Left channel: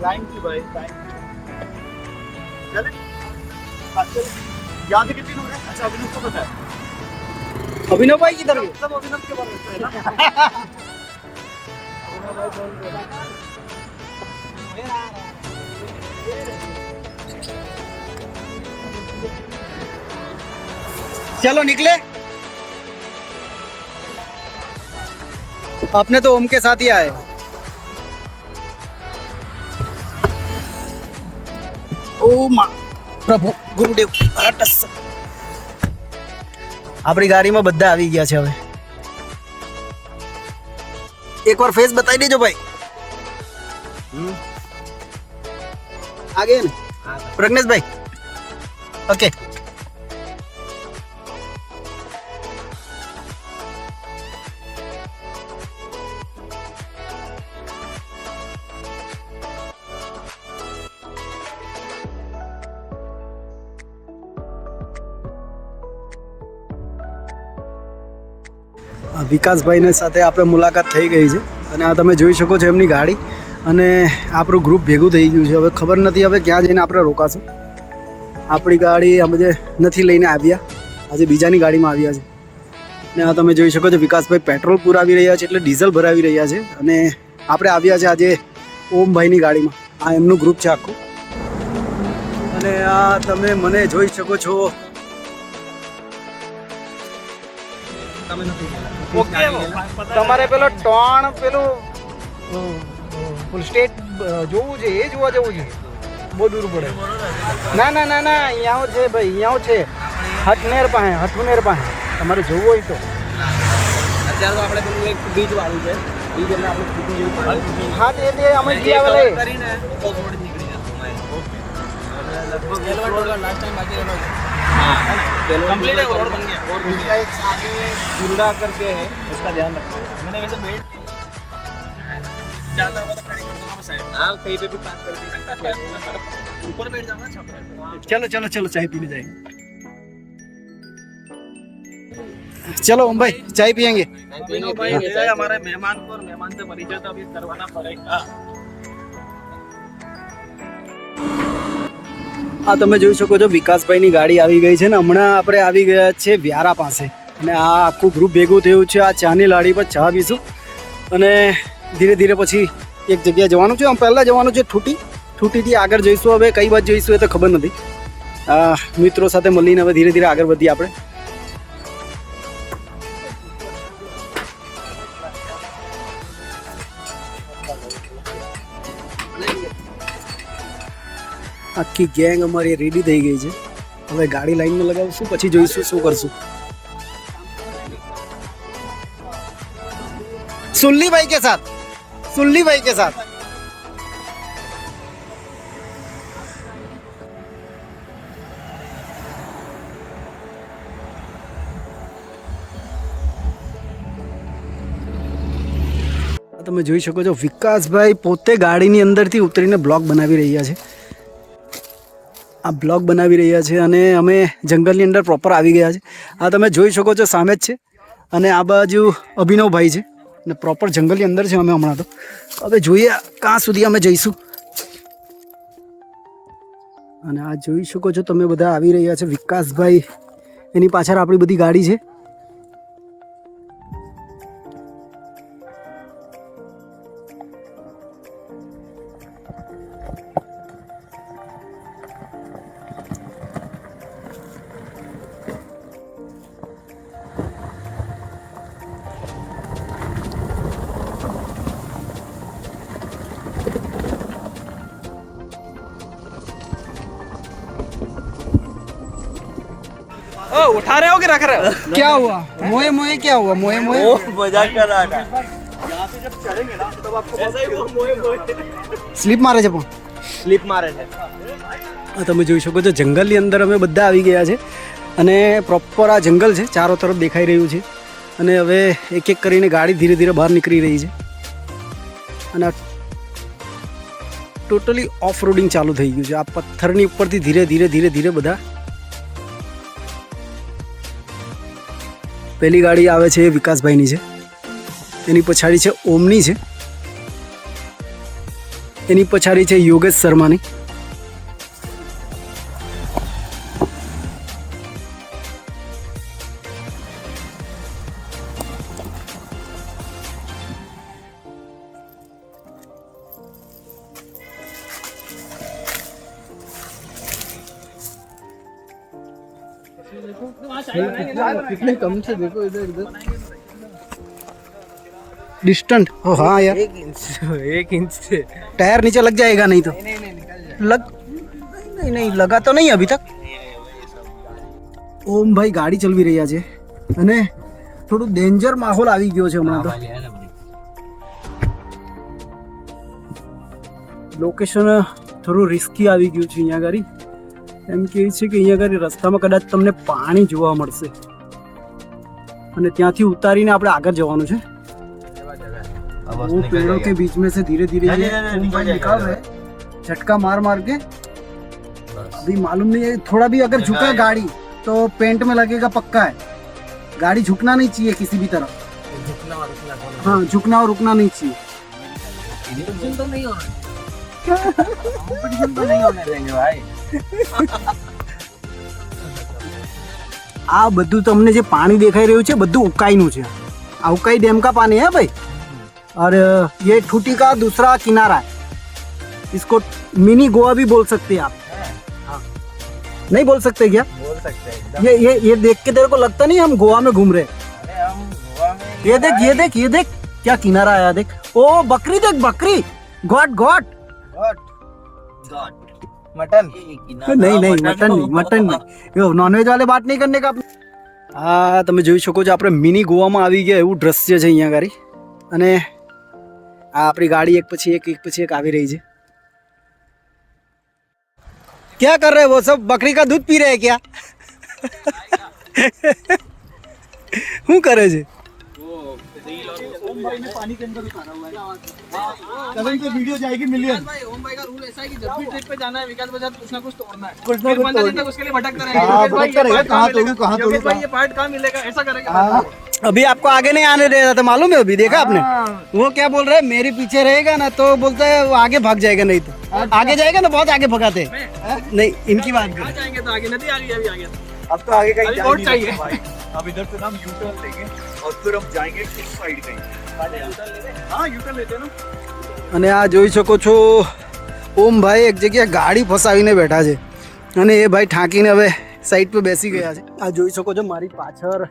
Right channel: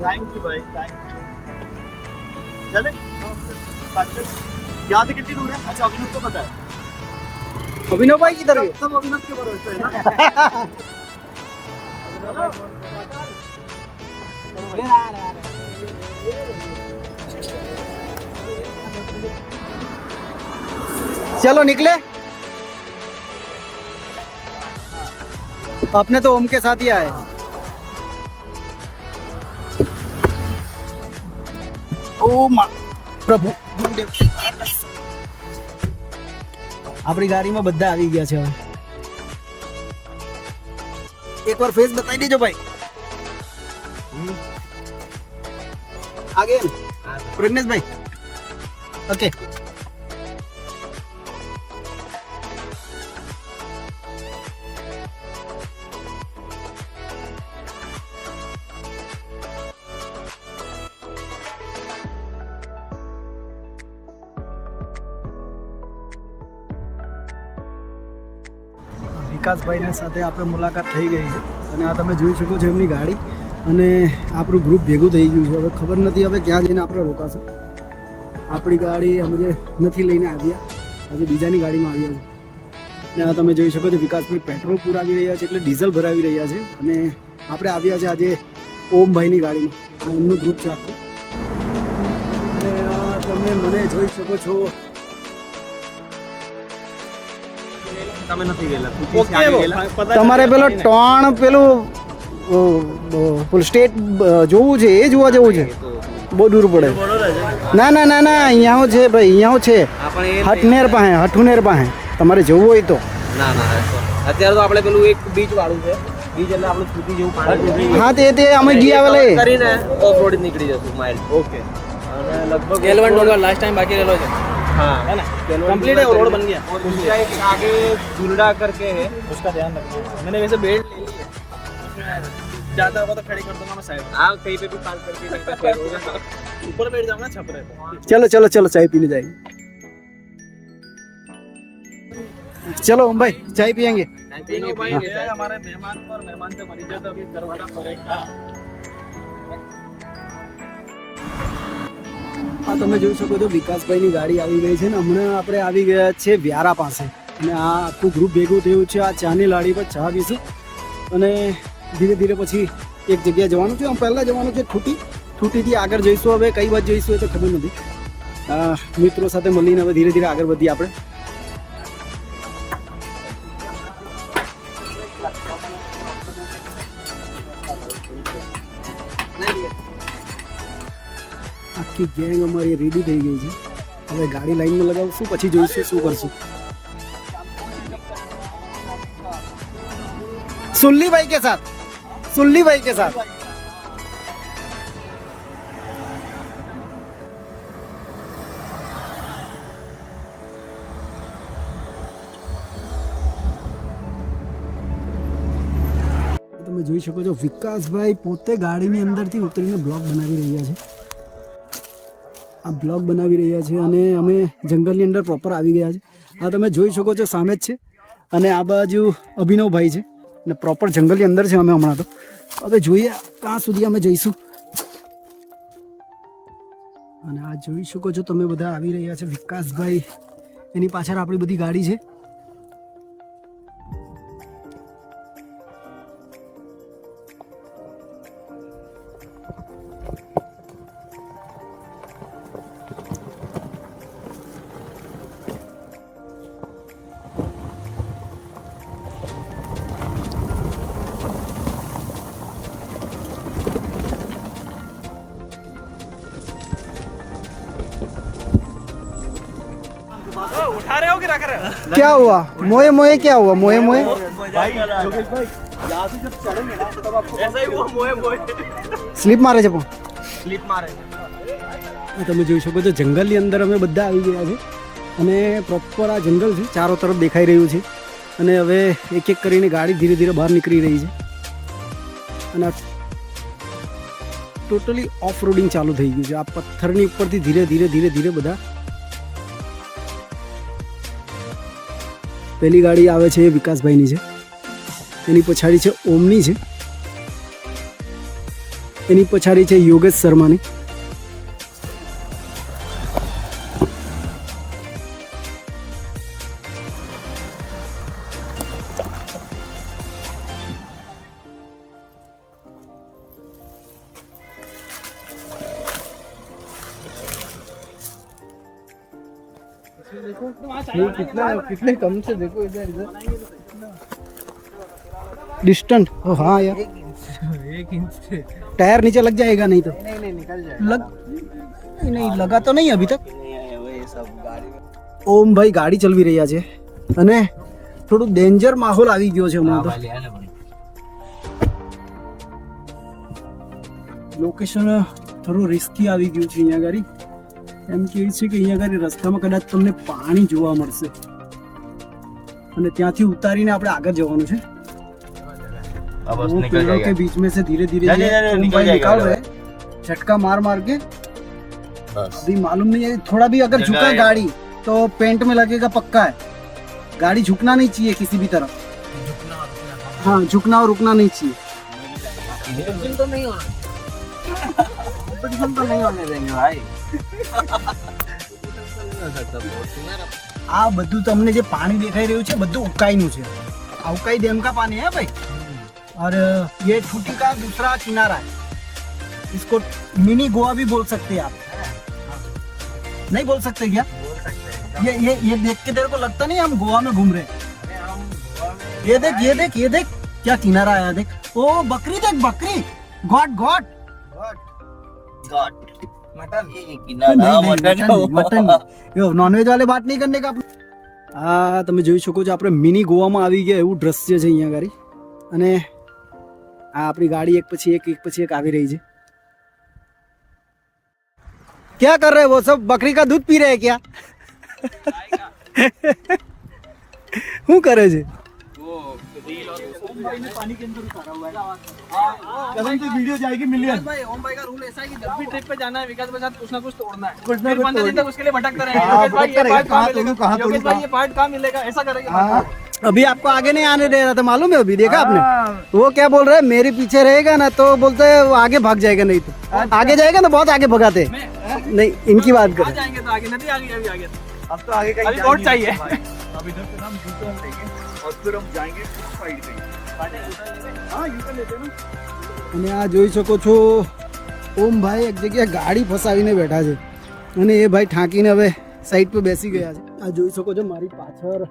Thank you भाई, thank you. चले याद है कितनी दूर है? अच्छा अभिनव को पता है। अभिनव भाई किधर गए? सब अभिनव के बारे में है ना। चलो निकले। अपने तो ओम के साथ ही आए। ओ પ્રભુ ગુરુદેવ આપણી ગાડીમાં બધા આવી ગયા છે હવે એકવાર ફેસ બતાવી દેજો ભાઈ આગે પ્રજ્ઞેશ ભાઈ ઓકે વિકાસભાઈને સાથે આપણે મુલાકાત થઈ ગઈ છે અને આ તમે જોઈ શકો છો એમની ગાડી અને આપણું ગ્રુપ ભેગું થઈ ગયું છે હવે ખબર નથી હવે ક્યાં જઈને આપણે રોકાશું આપણી ગાડી અમે જે નથી લઈને આવ્યા આજે બીજાની ગાડીમાં આવ્યા છે અને આ તમે જોઈ શકો છો વિકાસભાઈ પેટ્રોલ પુરાવી રહ્યા છે એટલે ડીઝલ ભરાવી રહ્યા છે અને આપણે આવ્યા છે આજે ઓમભાઈની ગાડીમાં આ એમનું ગ્રુપ છે આખું અને આ તમે મને જોઈ શકો છો તમારે પેલો ટોણ પેલું ફૂલ સ્ટેટ જોવું છે એ જોવા જવું છે બહુ દૂર પડે ના ના ના ના અહીંયા છે ભાઈ અહીંયા છે હઠુનેર પાસે તમારે જવું હોય તો અત્યારે તો આપણે પેલું એક બીચ વાળું છે બીચ એટલે આપણે સ્કૂટી જેવું પાણી હા તે અમે ગયા કરીને ઓફ રોડ નીકળી જશું માઇલ ओके અને લગભગ केलवन होगा लास्ट टाइम बाकी रेलो है हाँ कंप्लीट है रोड बन गया और दूसरा एक आगे जुल्डा करके है उसका ध्यान रखो मैंने वैसे बेल्ट ज्यादा होगा तो खड़ी कर दूंगा मैं साइड हाँ कहीं पे भी पार्क करके लगता है ऊपर बैठ जाऊंगा छप रहा चलो चलो चलो चाय पीने जाएंगे चलो ओम भाई चाय पियेंगे है भाई ये हमारे मेहमान को और मेहमान से परिचय तो अभी करवाना पड़ेगा આ તમે જોઈ શકો છો વિકાસભાઈની ગાડી આવી ગઈ છે ને હમણાં આપણે આવી ગયા છે વ્યારા પાસે અને આ આખું ગ્રુપ ભેગું થયું છે આ ચાની લાડી પર ચા પીશું અને ધીરે ધીરે પછી એક જગ્યાએ જવાનું છે આમ પહેલાં જવાનું છે ઠૂટીથી આગળ જઈશું હવે કઈ બાજુ જઈશું એ તો ખબર નથી મિત્રો સાથે મળીને હવે ધીરે ધીરે આગળ વધીએ આપણે આખી ગેંગ અમારી રેડી થઈ ગઈ છે હવે ગાડી લાઈનમાં લગાવશું પછી જોઈશું શું કરશું સુલ્લી ભાઈ કે સાથ તમે જોઈ શકો છો વિકાસભાઈ પોતે ગાડીની અંદરથી ઉતરીને બ્લોગ બનાવી રહ્યા છે આ બ્લોગ બનાવી રહ્યા છે અને અમે જંગલની અંદર પ્રોપર આવી ગયા છે આ તમે જોઈ શકો છો સામે જ છે અને આ બાજુ અભિનવભાઈ છે અને પ્રોપર જંગલની અંદર છે અમે હમણાં તો હવે જોઈએ ક્યાં સુધી અમે જઈશું અને આ જોઈ શકો છો તમે બધા આવી રહ્યા છે વિકાસભાઈ એની પાછળ આપણી બધી ગાડી છે उठा रहे हो कि रख रहे हो क्या हुआ मोए मोए क्या हुआ मोए मोए मजाक कर रहा है यहाँ से जब चढ़ेंगे ना तब आपको ऐसा ही हुआ मोए मोए સ્લીપ મારે છે પણ સ્લીપ મારે છે તમે જોઈ શકો છો જંગલની અંદર અમે બધા આવી ગયા છે અને પ્રોપર આ જંગલ છે ચારો તરફ દેખાઈ રહ્યું છે અને હવે એક એક કરીને ગાડી ધીરે ધીરે બહાર નીકળી રહી છે અને ટોટલી ઓફ રોડિંગ ચાલુ થઈ ગયું છે આ પથ્થરની ઉપરથી ધીરે ધીરે ધીરે ધીરે બધા પહેલી ગાડી આવે છે એ વિકાસભાઈની છે એની પછાડી છે ઓમની છે એની પછાડી છે યોગેશ શર્માની. कितने कम से देखो इधर इधर डिस्टेंट. ओ हाँ यार, 1 इंच से टायर नीचे लग जाएगा नहीं तो. नहीं निकल जाए लग नहीं नहीं लगा तो नहीं अभी तक. ઓમ ભાઈ ગાડી ચલાવી રહ્યા છે અને થોડું ડેન્જર માહોલ આવી ગયો છે હમણાં તો. લોકેશન થોડું રિસ્કી આવી ગયું છે અહીંયા ગાડી. એમ કહે છે કે અહીંયા ગાડી રસ્તામાં કદાચ તમને પાણી જોવા મળશે અને ત્યાંથી ઉતારીને આપણે આગળ જવાનું છે. वो पेड़ों के बीच में से धीरे धीरे ये ओम भाई निकाल रहे हैं झटका मार मार के. अभी मालूम नहीं है, थोड़ा भी अगर झुका गाड़ी तो पेंट में लगेगा पक्का है. गाड़ी झुकना नहीं चाहिए किसी भी तरफ. हाँ, झुकना और रुकना नहीं चाहिए. तो नहीं होना कंपटीशन तो नहीं होने देंगे भाई. આ બધું તમને જે પાણી દેખાઈ રહ્યું છે બધું ઉકાઈનું છે. આ ઉકાઈ ડેમ का पानी है भाई. और ये ठूटी का दूसरा किनारा है. इसको मिनी गोवा भी बोल सकते हैं आप. नहीं बोल सकते क्या? ये देख के तेरे को लगता नहीं हम गोवा में घूम रहे. ये देख क्या किनारा आया देख. ओ बकरी देख, बकरी. गॉट मटन नहीं मटन नहीं. નોનવેજ વાલે બાત નહીં કરને કા. આ તમે જોઈ શકો છો આપણે મિની ગોવામાં આવી ગયા એવું દ્રશ્ય છે અહીંયા ગાડી. અને આ આપણી ગાડી એક પછી એક આવી રહી છે. क्या कर रहे हैं वो सब? बकरी का दूध पी रहे हैं क्या? શું કરે છે? पानी के अंदर उतारा हुआ है. कसम से वीडियो जाएगी मिलियन. भाई ओम भाई का रूल ऐसा है कि जब भी ट्रिप पे जाना है विकास भाई कुछ ना कुछ तोड़ना है. कुछ ना कुछ तोड़ना है, उसके लिए भटकता रहेगा. कहां तोड़ूं ये पार्ट कहां मिलेगा ऐसा करेगा. अभी आपको आगे नहीं आने दे रहा था मालूम है. अभी देखा आपने वो क्या बोल रहे हैं, मेरे पीछे रहेगा ना तो बोलते हैं वो आगे भाग जाएगा. नहीं तो आगे जाएगा ना, बहुत आगे भगाते हैं. नहीं, इनकी बात करें. जाएंगे तो आगे नदी आ गई. अभी आगे अब तो आगे कहीं और चाहिए. अब इधर से हम यू-टर्न लेंगे और फिर हम जाएंगे साइड कहीं. हां यू-टर्न लेते हैं ना. અને આ જોઈ શકો છો ઓમ ભાઈ એક જગ્યાએ ગાડી ફસાવીને બેઠા છે અને એ ભાઈ ઠાંકીને હવે સાઈડ પર બેસી ગયા છે. આ જોઈ શકો છો મારી પાછળ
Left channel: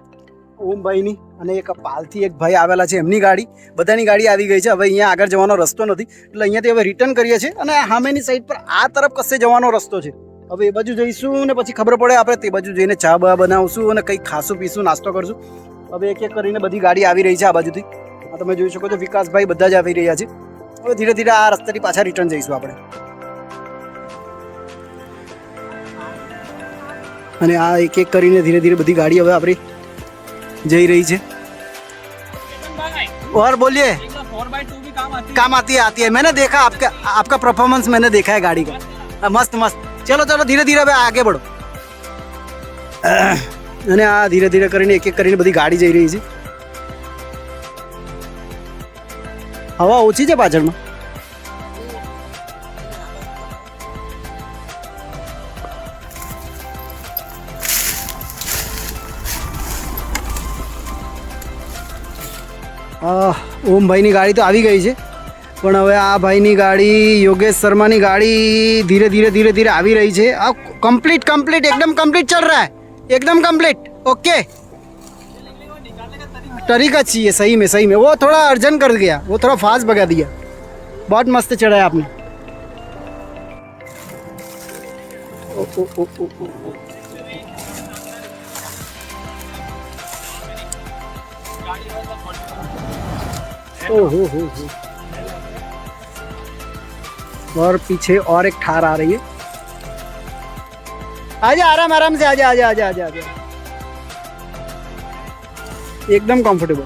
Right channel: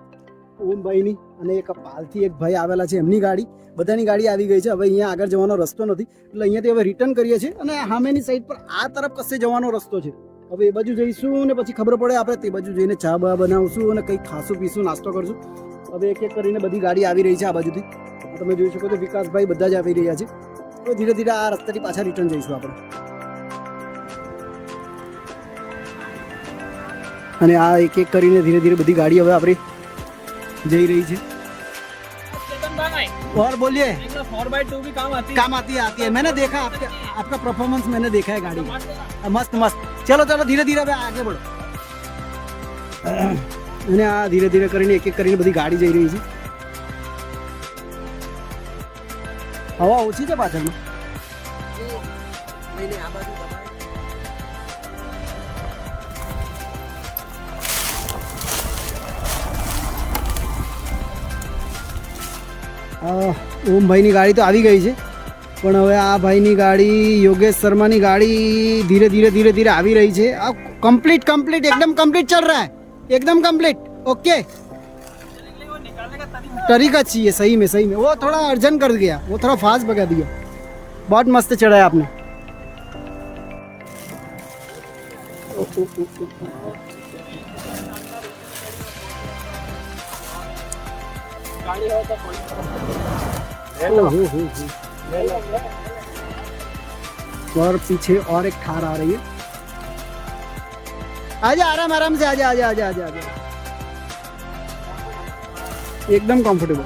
ઓમ ભાઈની અને એક પાલથી એક ભાઈ આવેલા છે, એમની ગાડી. બધાની ગાડી આવી ગઈ છે. હવે અહીંયા આગળ જવાનો રસ્તો નથી એટલે અહીંયાથી હવે રિટર્ન કરીએ છીએ અને સામેની સાઈડ પર આ તરફ કશે જવાનો રસ્તો છે. હવે એ બાજુ જઈશું ને પછી ખબર પડે આપણે તે બાજુ જઈને ચા બા બનાવશું અને કંઈક ખાશું પીશું, નાસ્તો કરશું. હવે એક એક કરીને બધી ગાડી આવી રહી છે આ બાજુથી. આ તમે જોઈ શકો છો વિકાસભાઈ બધા જ આવી રહ્યા છે. હવે ધીરે ધીરે આ રસ્તાથી પાછા રિટર્ન જઈશું આપણે. અને આ એક એક કરીને ધીરે ધીરે બધી ગાડી હવે આપણી જઈ રહી છે. और बोलिए. 4x2 भी काम आती है. मैंने देखा आपका परफॉर्मेंस मैंने देखा है गाड़ी का. मस्त. चलो धीरे धीरे હવે आगे बढ़ो. અને આ ધીરે ધીરે કરીને એક એક કરીને બધી ગાડી જઈ રહી છે. હવા ઓછી છે પાછળમાં. ઓમ ભાઈની ગાડી તો આવી ગઈ છે પણ હવે આ ભાઈની ગાડી યોગેશ શર્માની ગાડી ધીરે ધીરે આવી રહી છે. આ कंप्लीट एकदम कंप्लीट चल रहा है, एकदम कंप्लीट. ओके, तरीका चाहिए सही में. वो थोड़ा अर्जेंट कर गया, वो थोड़ा फास्ट भगा दिया. बहुत मस्त चढ़ाया आपने. और पीछे और एक थार आ रही है. आजा आराम से आजा. एकदम कंफर्टेबल.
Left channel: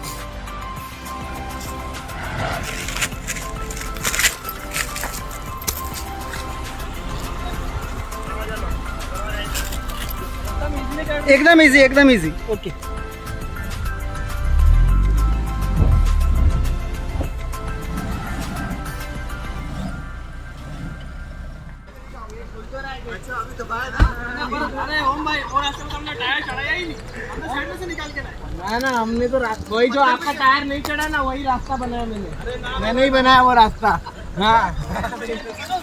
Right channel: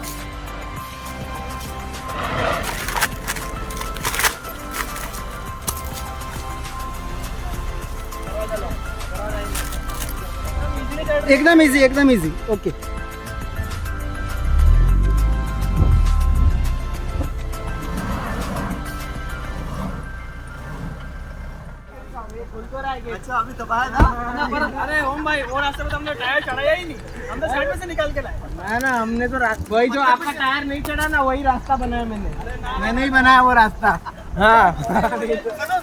एकदम इजी. ओके. अभी दबाया था। अरे ओम भाई वो रास्ते में हमने टायर चढ़ाया ही नहीं, हम तो साइड में से निकाल के लाए। ना हमने तो वही जो आपका टायर नहीं चढ़ा ना वही रास्ता बनाया मैंने ही बनाया वो रास्ता। हाँ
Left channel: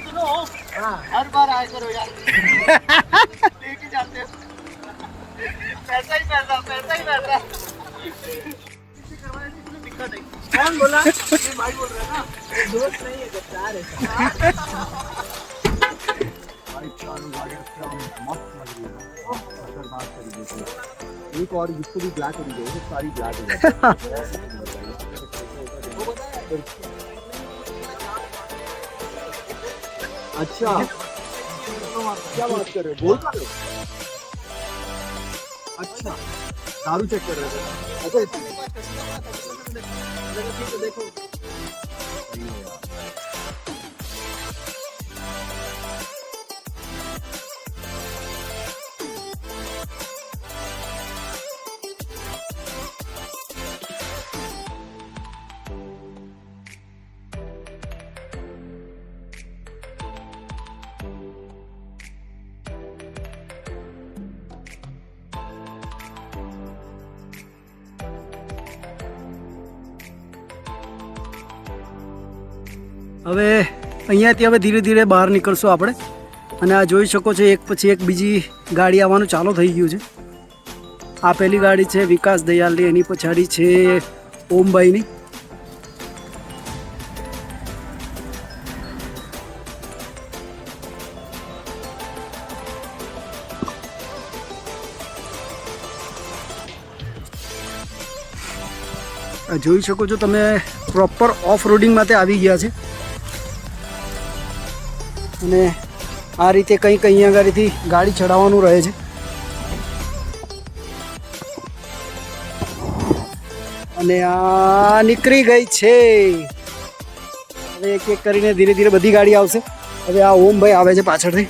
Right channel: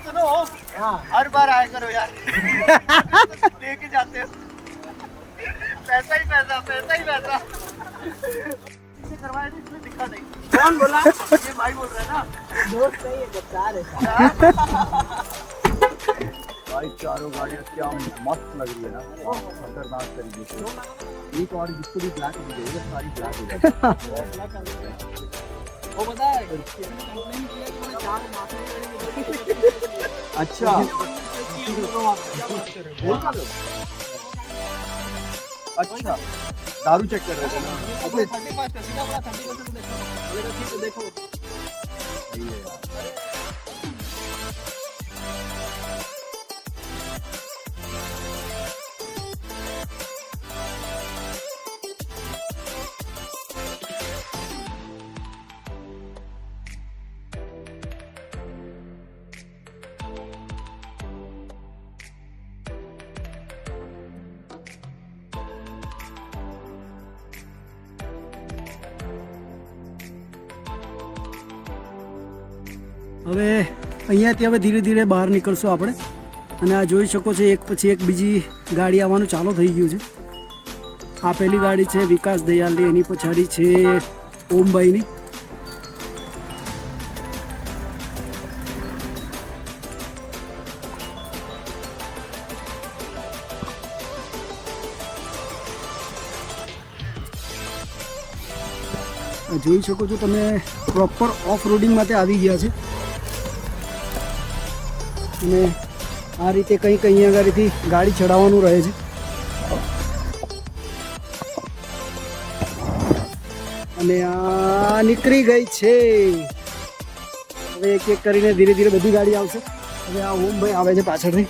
सुनो हर बार आया करो यार लेके जाते हो पैसा ही पैसा कौन बोला? ये भाई बोल रहे हैं ना, दोस्त नहीं है गद्दार है। भाई चारों गाड़ियाँ क्या मस्त लग रही है ना, खतरनाक तरीके से। एक और जिसको भी ब्लैक हो गई है, सारी ब्लैक हो गई। अच्छा बोल का रहे हो? अच्छा दारू चेक कर रहे थे ना? अच्छा देखो હવે અહીંયાથી હવે ધીરે ધીરે બહાર નીકળશું આપણે અને આ જોઈ શકો છો એક પછી એક બીજી ગાડી આવવાનું ચાલુ થઈ ગયું છે. આ પહેલી ગાડી છે વિકાસ દયાલની, એની પછાડી છે ઓમભાઈની. જોઈ શકો છો તમે પ્રોપર ઓફ રોડિંગ માટે આવી ગયા છે અને આ રીતે કંઈક અહીંયા આગળથી ગાડી ચડાવવાનું રહે છે અને આ નીકળી ગઈ છે. હવે એક એક કરીને ધીરે ધીરે બધી ગાડી આવશે. હવે આ ઓમભાઈ આવે છે પાછળથી.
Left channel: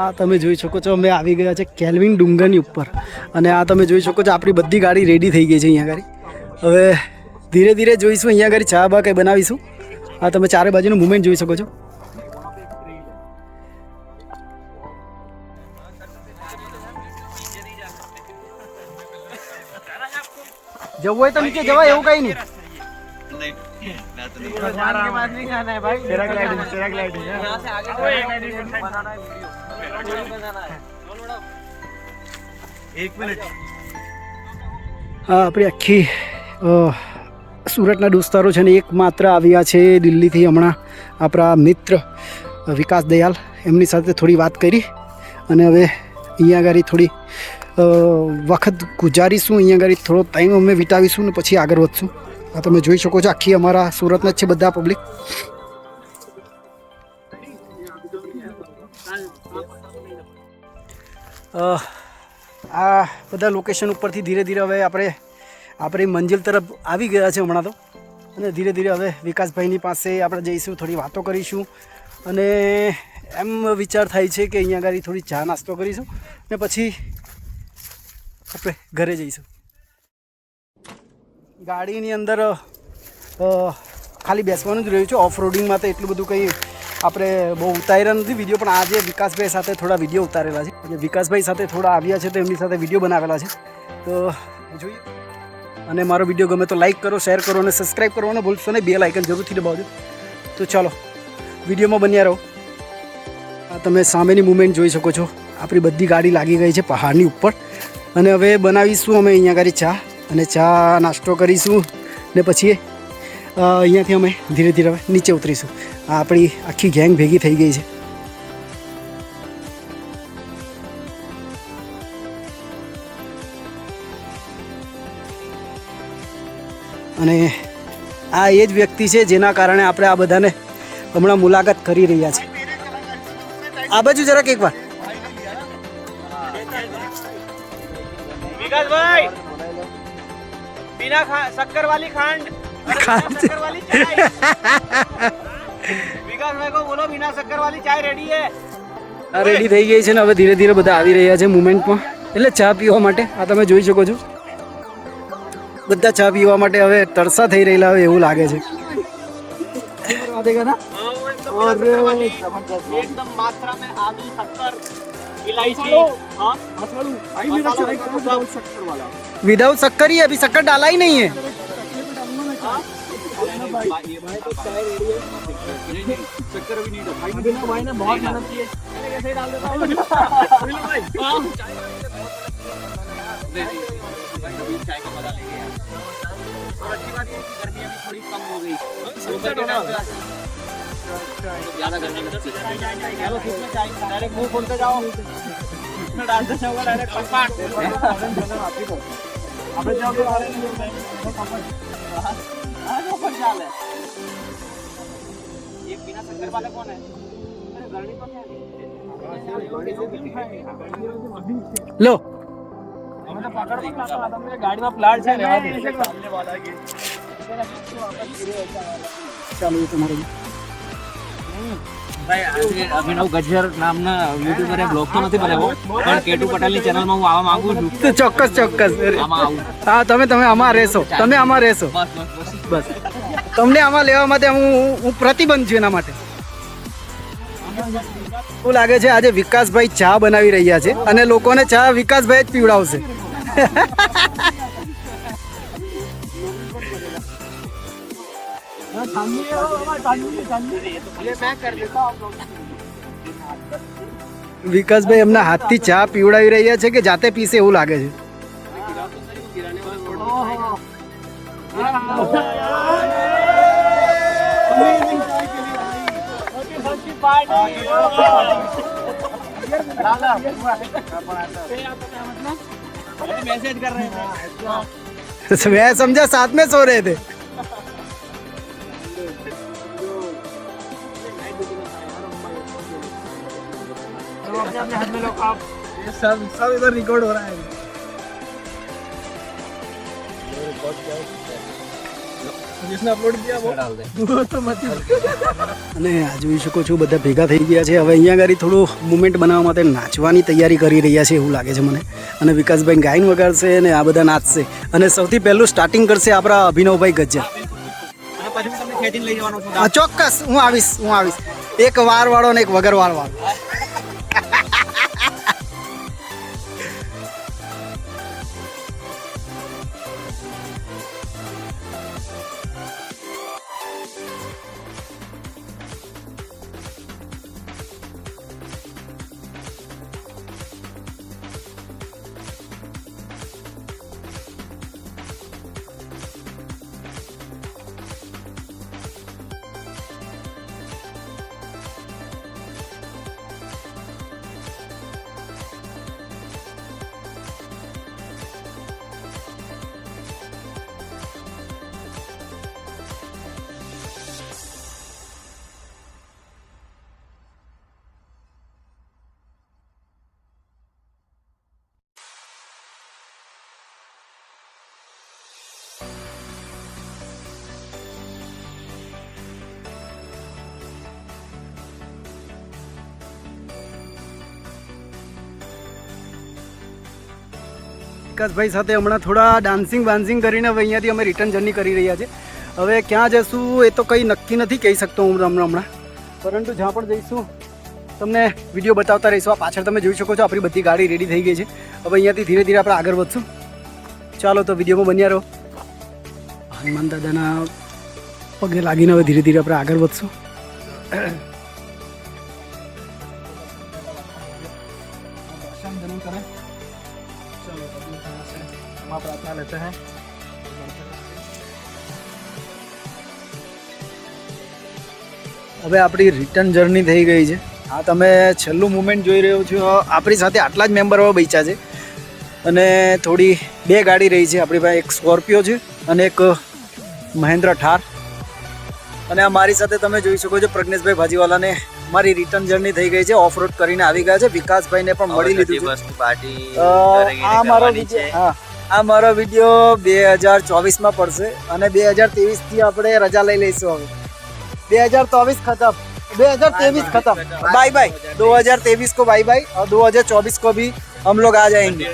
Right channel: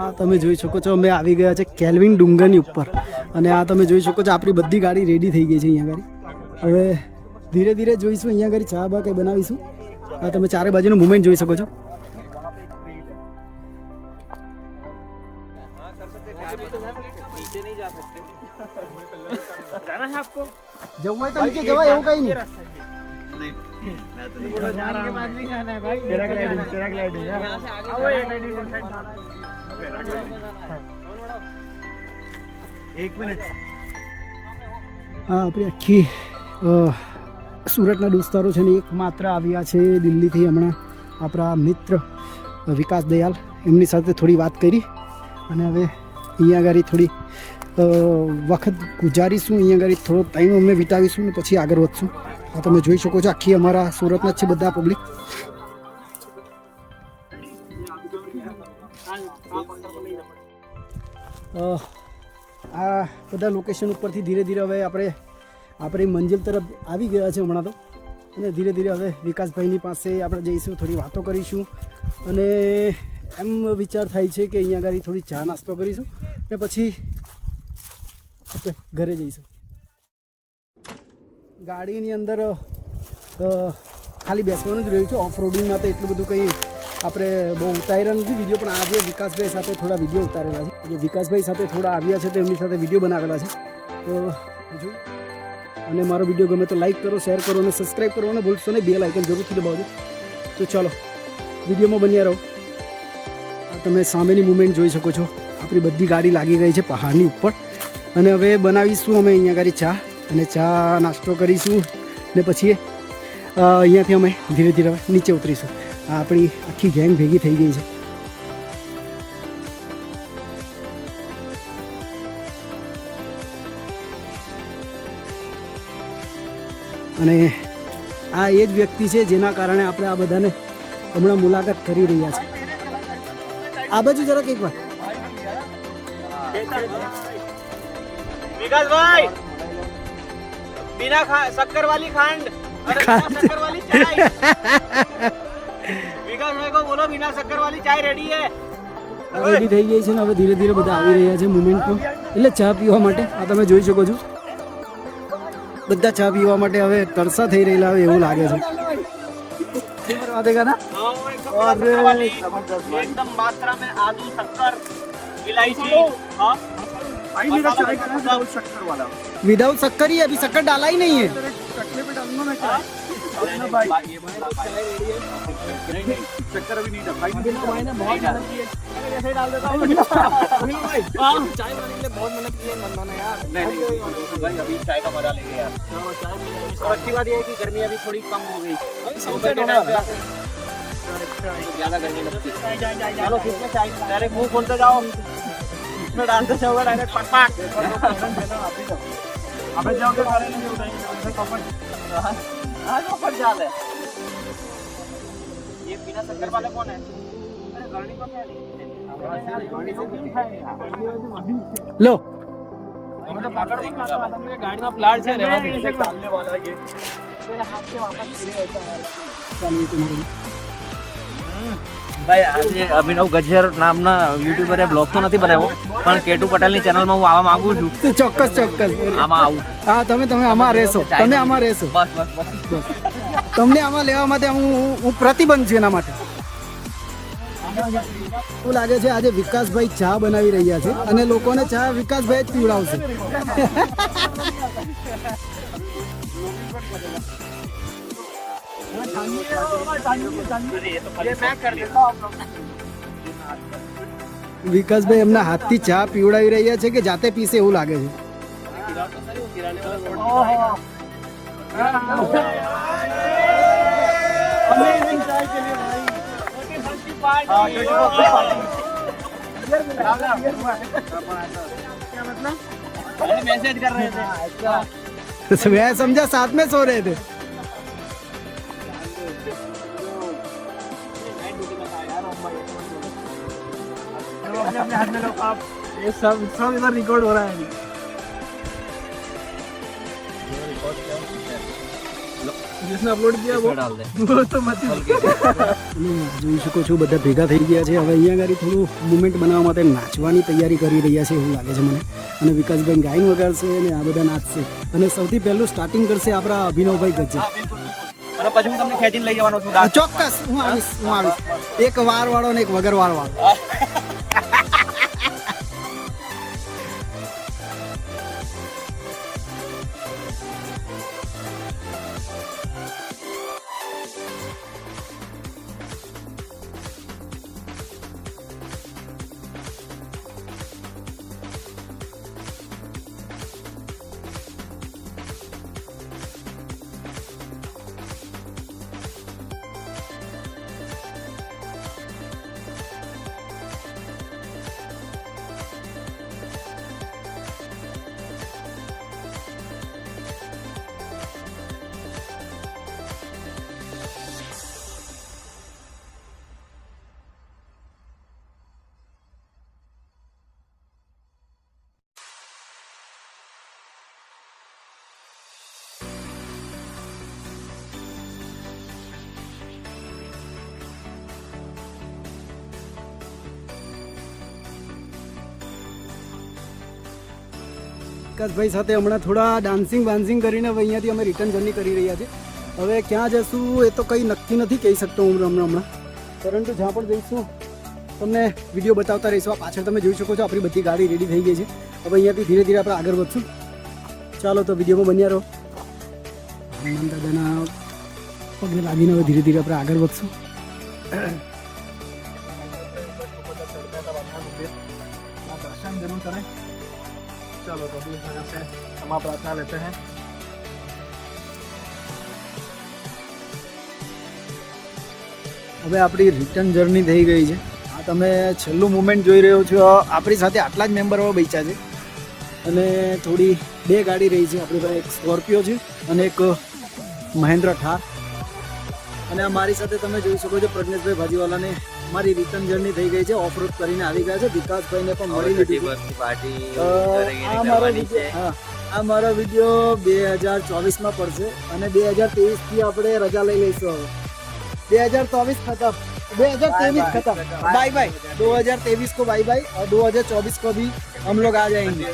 આ તમે જોઈ શકો છો અમે આવી ગયા છે કેલ્વિન ડુંગરની ઉપર અને આ તમે જોઈ શકો છો આપણી બધી ગાડી રેડી થઈ ગઈ છે અહીંયા આગળ. હવે ધીરે ધીરે જોઈશું અહીંયા આગળ ચા બા કંઈ બનાવીશું. આ તમે ચારે બાજુનું મુવમેન્ટ જોઈ શકો છો. જવું હોય તો નીચે જવાય એવું કઈ નહીં. भगवान के पास नहीं जाना है भाई, पैराग्लाइडिंग यहाँ से आगे एक मिनट. આપણી આખી સુરતના દોસ્તારો છે ને એકમાત્ર આવ્યા છે દિલ્હીથી હમણાં આપણા મિત્ર વિકાસ દયાલ, એમની સાથે થોડી વાત કરી અને હવે અહીંયા આગળ થોડી વખત ગુજારીશું, અહીંયા આગળ થોડો ટાઈમ અમે વિતાવીશું ને પછી આગળ વધશું. આ તમે જોઈ શકો છો, આખી અમારા સુરતના જ છે બધા પબ્લિક. આ બધા લોકેશન ઉપરથી ધીરે ધીરે હવે આપણે આપણી મંજિલ તરફ આવી ગયા છે હમણાં તો. અને ધીરે ધીરે હવે વિકાસભાઈની પાસે આપણે જઈશું, થોડી વાતો કરીશું અને એમ વિચાર થાય છે કે અહીંયા આગળ થોડી ચા નાસ્તો કરીશું ને પછી આપણે ઘરે જઈશું. ગાડીની અંદર ખાલી બેસવાનું જ રહ્યું છે. ઓફ રોડિંગમાં તો એટલું બધું કંઈ આપણે બહુ ઉતારેલા નથી વિડીયો, પણ આજે વિકાસભાઈ સાથે થોડા વિડીયો ઉતારેલા છે. અને વિકાસભાઈ સાથે થોડા આવ્યા છે તો એમની સાથે વિડીયો બનાવેલા છે. તો જોઈએ. અને મારો વિડીયો ગમે તો લાઈક કરો, શેર કરો અને સબસ્ક્રાઈબ કરવાનું ભૂલશો નહીં. બેલ આઇકન જરૂરથી દબાવજો. તો ચાલો વિડીયોમાં બન્યા રહો. આ તમે સામેની મૂવમેન્ટ જોઈ શકો છો. આપણી બધી ગાડી લાગી ગઈ છે પહાડની ઉપર અને હવે બનાવીશું અમે અહીંયા આગળ ચા અને ચા નાસ્તો કરીશું ને પછી અહીંયાથી અમે ધીરે ધીરે હવે નીચે ઉતરીશું. આ આપણી આખી ગેંગ ભેગી થઈ ગઈ છે. અને આ એ જ વ્યક્તિ છે જેના કારણે આપણે આ બધાને હમણાં મુલાકાત કરી રહ્યા છે. આ બાજુ જરાક એકવાર વિકાસભાઈ, बिना शक्कर वाली खांड, शक्कर वाली चाय. विकासभाई को बोलो बिना शक्कर वाली चाय रेडी है. આ રેડી થઈ ગઈ છે ને હવે ધીરે ધીરે બધા આવી રહ્યા છે મુમેન્ટમાં, એટલે ચા પીવા માટે. આ તમે જોઈ શકો છો બધા ચા પીવા માટે હવે તરસા થઈ રહેલા હોય એવું લાગે છે. एकदम मात्रा में आलू, शक्कर, इलायची. विदाउट शक्कर ही, अभी शक्कर डाला ही नहीं है. शक्कर भी नहीं था भाई, बहुत डाल देता हूँ. चाय का मजा लेंगे यार. अच्छी बात ये है कि गर्मी अभी थोड़ी कम हो गई, ज्यादा गर्मी लगती है. चलो किसमें चाय डायरेक्ट मुंह खोलते जाओ, इसमें डालते जाओ डायरेक्ट पकपक. अबे जाओ के सारे नहीं होता है. हाँ जो पर जाल है ये बिना शक्कर वाला कौन है? अरे गर्मी को क्या लो तो पकड़ गाड़ी में प्लाट છે રહેવા દે. ભાઈ અભિનવ ગજ્જર નામના યુટ્યુબરે બ્લોગ તો નથી બનાવ્યો, પણ કેટુ પટેલની ચેનલમાં હું આવવા માંગુ છું. તો ચોક્કસ ચોક્કસ આમાં આવું. હા તમે આમાં રહેશો, તમે આમાં રહેશો. બસ બસ તમને આમાં લેવા માટે હું પ્રતિબંધ છું એના માટે. એવું લાગે છે આજે વિકાસભાઈ ચા બનાવી રહ્યા છે અને લોકોને ચા વિકાસભાઈ જ પીવડાવશે. વિકાસભાઈ એમના હાથથી ચા પીવડાવી રહ્યા છે કે જાતે પીશે એવું લાગે છે. मैसेज कर रहे हैं. मैं समझा साथ में सो रहे थे. अपने हाथ में लो आप. ये सब इधर रिकॉर्ड हो रहा है. जिसने अपलोड किया वो डाल दे. तो मत. અને આ જોઈ શકો છો બધા ભેગા થઈ ગયા છે. હવે અહીંયા આગળ થોડું મુમેન્ટ બનાવવા માટે નાચવાની તૈયારી કરી રહ્યા છે એવું લાગે છે મને. અને વિકાસભાઈ ગાયન વગાડશે અને આ બધા નાચશે અને સૌથી પહેલું સ્ટાર્ટિંગ કરશે આપણા અભિનવભાઈ ગજ્જર. અને પછી હું તમને ખેંચીને લઈ જવાનો છું. ચોક્કસ હું આવીશ. એક વાર વાળો ને એક વગર વાળો. વિકાસભાઈ સાથે હમણાં થોડા ડાન્સિંગ વાન્સિંગ કરીને હવે અહીંયાથી અમે રિટર્ન જર્ની કરી રહ્યા છીએ. હવે ક્યાં જશું એ તો કંઈ નક્કી નથી કહી શકતો હું હમણાં, પરંતુ જ્યાં પણ જઈશું તમને વિડીયો બતાવતા રહીશું. આ પાછળ તમે જોઈ શકો છો આપણી બધી ગાડી રેડી થઈ ગઈ છે. હવે અહીંયાથી ધીરે ધીરે આપણે આગળ વધશું. ચાલો તો વિડીયોમાં બન્યા રહો. હનુમાન દાદાના પગે લાગીને હવે ધીરે ધીરે આપણે આગળ વધશું. दर्शन जरूर करें. चलो तो अभी से क्षमा प्रार्थना लेते हैं. હવે આપણી રિટર્ન જર્ની થઈ ગઈ છે. આ તમે છેલ્લું મુમેન્ટ જોઈ રહ્યો છો. આપણી સાથે આટલા જ મેમ્બર હવે બચ્યા છે અને થોડી 2 ગાડી રહી છે. આપણી પાસે એક સ્કોર્પિયો છે અને એક મહેન્દ્ર થાર. અને આ મારી સાથે તમે જોઈ શકો છો પ્રજ્ઞેશભાઈ ભાજીવાલાને મારી રિટર્ન જર્ની થઈ ગઈ છે. ઓફ રોડ કરીને આવી ગયા છે. વિકાસભાઈને પણ મળી લીધું છે. આ મારો વિડીયો, હા, આ મારો વિડીયો 2024માં પડશે અને 2023થી આપણે રજા લઈ લઈશું. હવે 2024 खत्म, 2023 खत्म, बाय बाय. 2023 को बाय बाय और 2024 को भी हम लोग आ जाएंगे.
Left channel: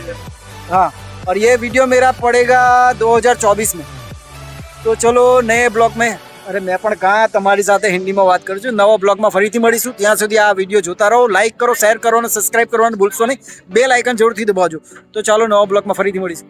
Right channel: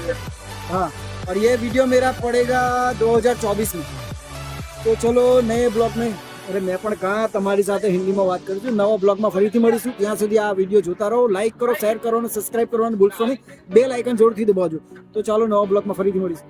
हाँ, और ये वीडियो मेरा पड़ेगा 2024 में. तो चलो नए બ્લોગ में, અરે મેં પણ કાં તમારી સાથે હિન્દીમાં વાત કરું છું. નવા બ્લોગમાં ફરીથી મળીશું. ત્યાં સુધી આ વિડીયો જોતા રહો, લાઇક કરો, શેર કરો અને સબસ્ક્રાઇબ કરવાનું ભૂલશો નહીં. બેલ આઇકન જરૂરથી દબાવજો. તો ચાલો નવા બ્લોગમાં ફરીથી મળીશું.